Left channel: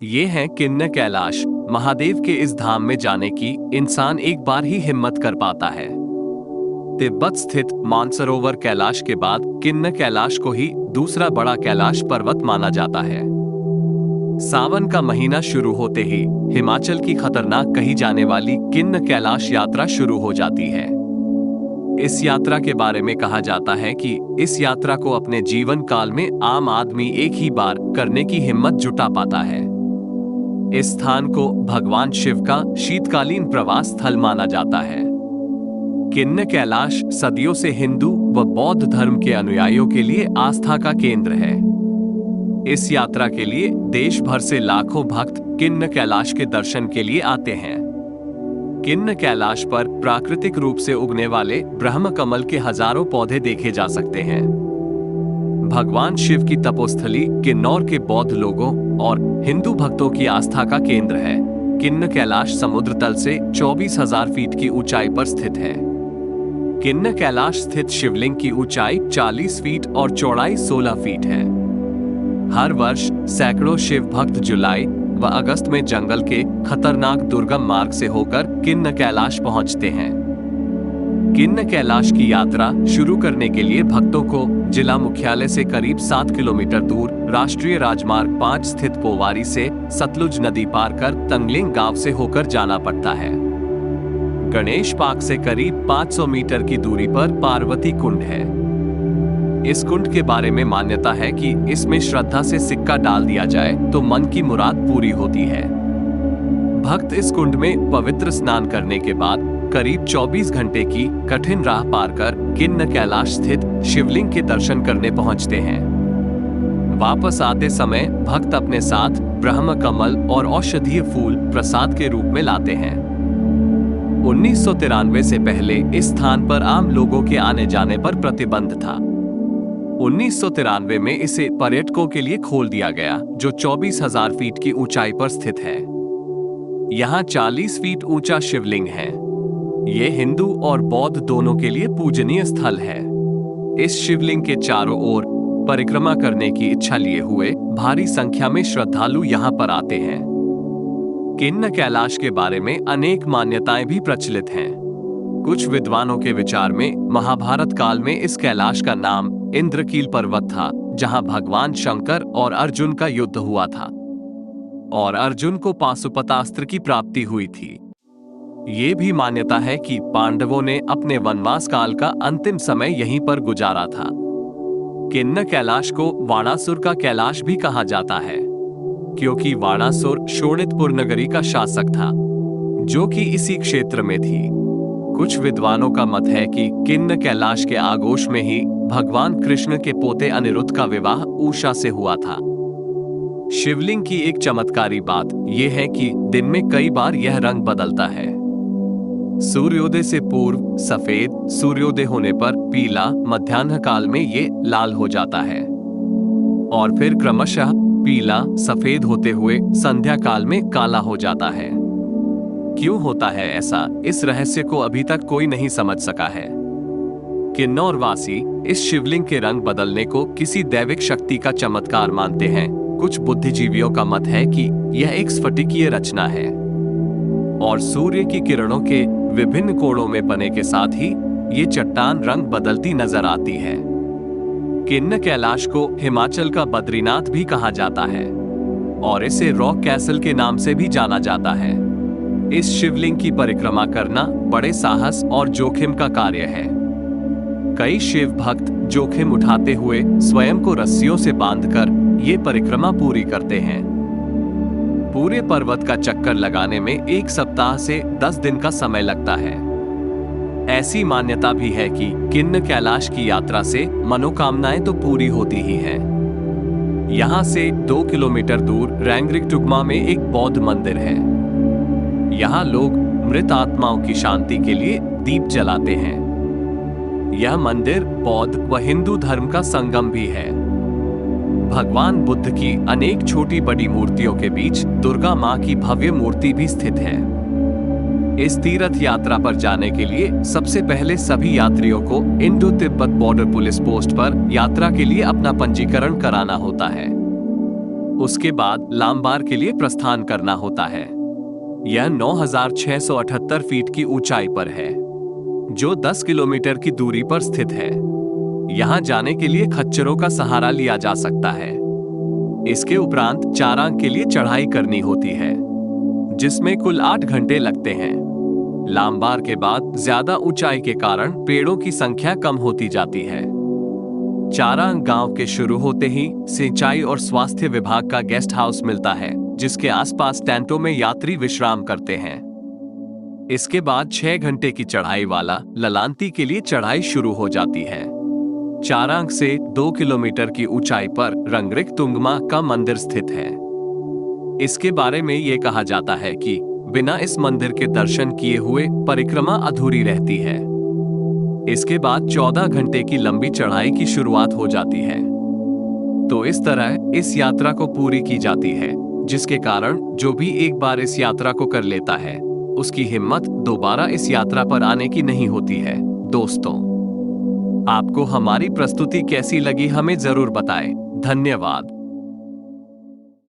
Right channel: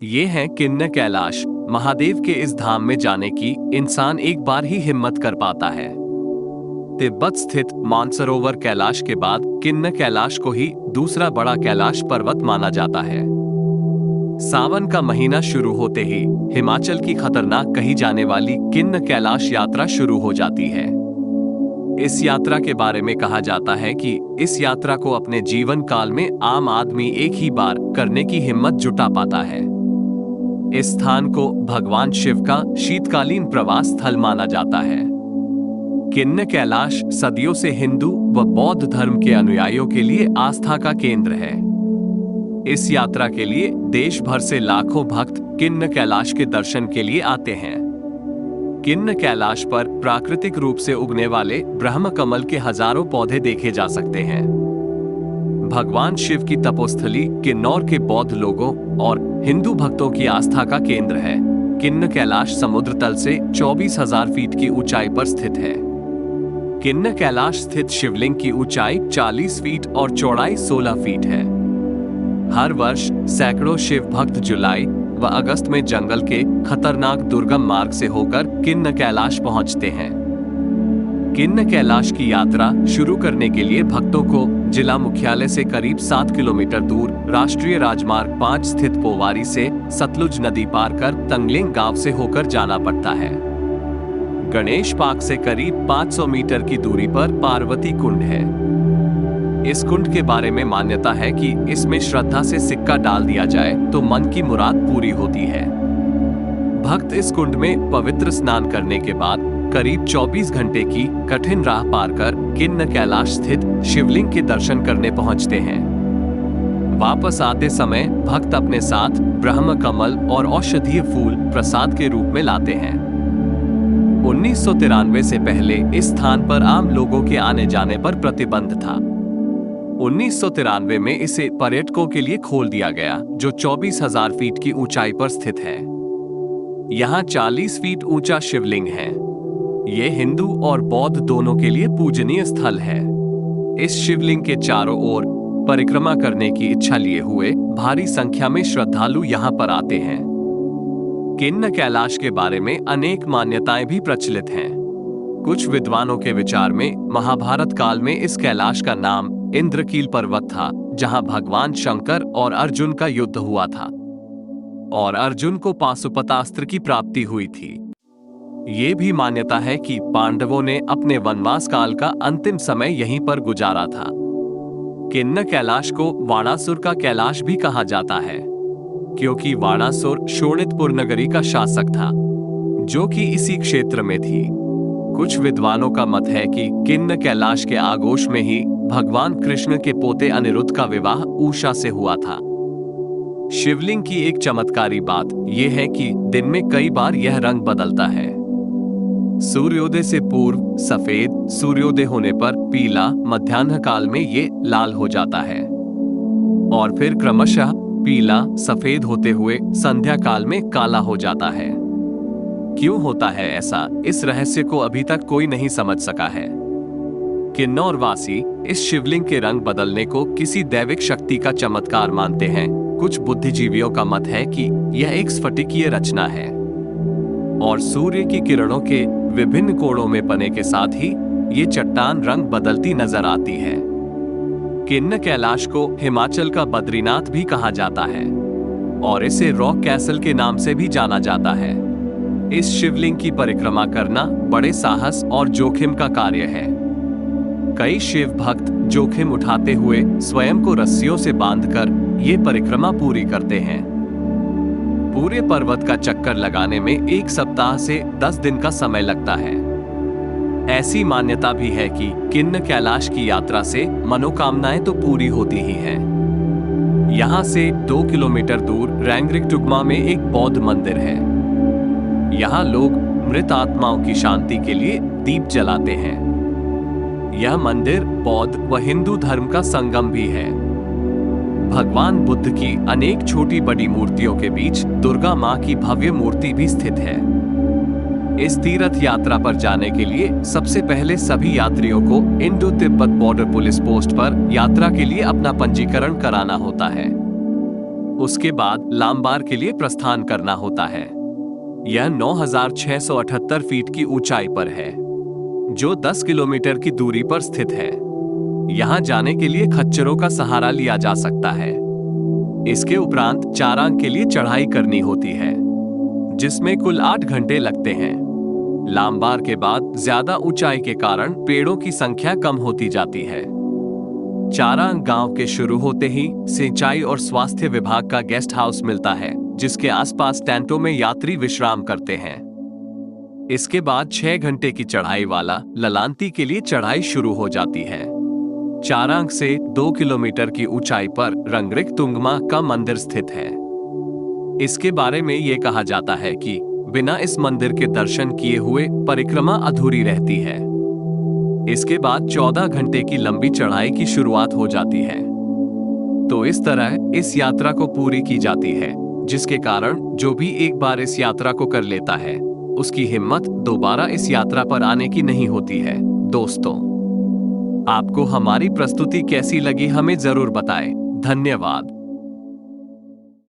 ये है किन्नर कैलाश। महादेव के इस धाम में जाने की इंसान एक बार ही हिम्मत कर पाता है। तिब्बत स्थित मानसरोवर कैलाश के बाद किन्नर कैलाश को ही दूसरा बड़ा कैलाश पर्वत माना जाता है। सावन का महीना शुरू होते ही हिमाचल की खतरनाक कही जाने वाली किन्नर कैलाश यात्रा शुरू हो जाती है। इस यात्रा के बारे में कहा जाता है कि इस यात्रा को अपने जीवन काल में आम आदमी एक ही बार करने की हिम्मत जुटा पाता है। इस स्थान को भगवान शिव का शीतकालीन प्रवास स्थल माना जाता है। किन्नर कैलाश सदियों से हिंदू व बौद्ध धर्म के अनुयायियों के लिए आस्था का केंद्र है। इस यात्रा के लिए देश भर से लाखों भक्त किन्नर कैलाश के दर्शन के लिए आते हैं। किन्नर कैलाश पर प्राकृतिक रूप से उगने वाले ब्रह्म कमल के हजारों पौधे देखे जा सकते हैं। भगवान शिव की तपोस्थली किन्नौर के बौद्ध लोगों और हिंदू भक्तों की आस्था का केंद्र है। किन्नर कैलाश समुद्र तल से 24,000 फीट की ऊंचाई पर स्थित है। किन्नर कैलाश स्थित शिवलिंग की ऊंचाई 40 फीट और चौड़ाई 16 फीट है। हर वर्ष सैकड़ों शिव भक्त जुलाई व अगस्त में जंगल के खतरनाक दुर्गम मार्ग से होकर किन्नर कैलाश पहुंचते हैं। किन्नर कैलाश की यात्रा शुरू करने के लिए भक्तों को जिला मुख्यालय से करीब 7 किलोमीटर दूर राष्ट्रीय राजमार्ग 5 स्थित पोवारी से सतलुज नदी पार कर तंगलिंग गांव से होकर जाना पड़ता है। गणेश पार्क से करीब 500 मीटर की दूरी पर पार्वती कुंड है। इस कुंड के बारे में मान्यता है कि इसमें श्रद्धा से सिक्का डाल दिया जाए तो मन की मुराद पूरी होती है। भक्त इस कुंड में पवित्र स्नान करने के बाद करीब 24 घंटे की कठिन राह पार कर किन्नर कैलाश स्थित शिवलिंग के दर्शन करने पहुंचते हैं। वापस आते समय भक्त अपने साथ ब्रह्म कमल और औषधीय फूल प्रसाद के रूप में लाते हैं। 1993 से पहले इस स्थान पर आम लोगों के आने जाने पर प्रतिबंध था। 1993 में इसे पर्यटकों के लिए खोल दिया गया, जो 24,000 फीट की ऊंचाई पर स्थित है। यहाँ 40 फीट ऊंचा शिवलिंग है। ये हिंदू और बौद्ध दोनों के लिए पूजनीय स्थल है। इस शिवलिंग के चारों ओर परिक्रमा करने की इच्छा लिए हुए भारी संख्या में श्रद्धालु यहाँ पर आते हैं। किन्नर कैलाश के बारे में अनेक मान्यताएं भी प्रचलित हैं। कुछ विद्वानों के विचार में महाभारत काल में इस कैलाश का नाम इंद्रकील पर्वत था, जहां भगवान शंकर और अर्जुन का युद्ध हुआ था और अर्जुन को पाशुपतास्त्र की प्राप्ति हुई थी। ये भी मान्यता है कि पांडवों ने अपने वनवास काल का अंतिम समय यहीं पर गुजारा था। किन्नर कैलाश को वाणासुर का कैलाश भी कहा जाता है, क्योंकि वाणासुर शोणितपुर नगरी का शासक था, जो कि इसी क्षेत्र में थी। कुछ विद्वानों का मत है कि किन्नर कैलाश के आगोश में ही भगवान कृष्ण के पोते अनिरुद्ध का विवाह उषा से हुआ था। शिवलिंग की एक चमत्कारी बात यह है कि दिन में कई बार यह रंग बदलता है। सूर्योदय से पूर्व सफेद, सूर्योदय होने पर पीला, मध्याह्न काल में ये लाल हो जाता है और फिर क्रमशः पीला सफेद होते हुए संध्या काल में काला हो जाता है। क्यों होता है ऐसा, इस रहस्य को अभी तक कोई नहीं समझ सका है। किन्नौर वासी इस शिवलिंग के रंग बदलने को किसी दैविक शक्ति का चमत्कार मानते हैं। कुछ बुद्धिजीवियों का मत है कि यह एक स्फटिकीय रचना है और सूर्य की किरणों के विभिन्न कोणों में पने के साथ ही ये चट्टान रंग बदलती नजर आती है। किन्नर कैलाश को हिमाचल का बद्रीनाथ भी कहा जाता है और इसे रॉक कैसल के नाम से भी जाना जाता है। इस शिवलिंग की परिक्रमा करना बड़े साहस और जोखिम का कार्य है। कई शिव भक्त जोखिम उठाते हुए स्वयं को रस्सियों से बांधकर ये परिक्रमा पूरी करते हैं। पूरे पर्वत का चक्कर लगाने में 1 सप्ताह से 10 दिन का समय लगता है। ऐसी मान्यता भी है कि किन्नर कैलाश की यात्रा से मनोकामनाएं तो पूरी होती ही हैं। यहाँ से 2 किलोमीटर दूर रैंगरिकटुगमा में एक बौद्ध मंदिर है। यहाँ लोग मृत आत्माओं की शांति के लिए दीप जलाते हैं। यह मंदिर बौद्ध व हिंदू धर्म का संगम भी है। भगवान बुद्ध की अनेक छोटी बड़ी मूर्तियों के बीच दुर्गा मां की भव्य मूर्ति भी स्थित है। इस तीर्थ यात्रा पर जाने के लिए सबसे पहले सभी यात्रियों को Indo Tibet border police post पर यात्रा के लिए अपना पंजीकरण कराना होता है। उसके बाद लामबार के लिए प्रस्थान करना होता है। यह 9,678 फीट की ऊंचाई पर है, जो 10 किलोमीटर की दूरी पर स्थित है। यहां जाने के लिए खच्चरों का सहारा लिया जा सकता है। इसके उपरांत चारांग के लिए चढ़ाई करनी होती है, जिसमें कुल 8 घंटे लगते हैं। लामबार के बाद ज्यादा ऊंचाई के कारण पेड़ों की संख्या कम होती जाती है। चारांग गांव के शुरू होते ही सिंचाई और स्वास्थ्य विभाग का गेस्ट हाउस मिलता है, जिसके आसपास टेंटों में यात्री विश्राम करते हैं। इसके बाद 6 घंटे की चढ़ाई वाला ललांती के लिए चढ़ाई शुरू हो जाती है। चारांग से 2 किलोमीटर की ऊंचाई पर रंगरिक तुंगमा का मंदिर स्थित है। इसके बारे में यह कहा जाता है कि बिना इस मंदिर के दर्शन किए हुए परिक्रमा अधूरी रहती है। इसके बाद 14 घंटे की लंबी चढ़ाई की शुरुआत हो जाती है। तो इस तरह इस यात्रा को पूरी की जाती है, जिसके कारण जो भी एक बार इस यात्रा को कर लेता है, उसकी हिम्मत दोबारा इस यात्रा पर आने की नहीं होती है। दोस्तों, आपको हमारी प्रस्तुति कैसी लगी हमें जरूर बताएं। धन्यवाद।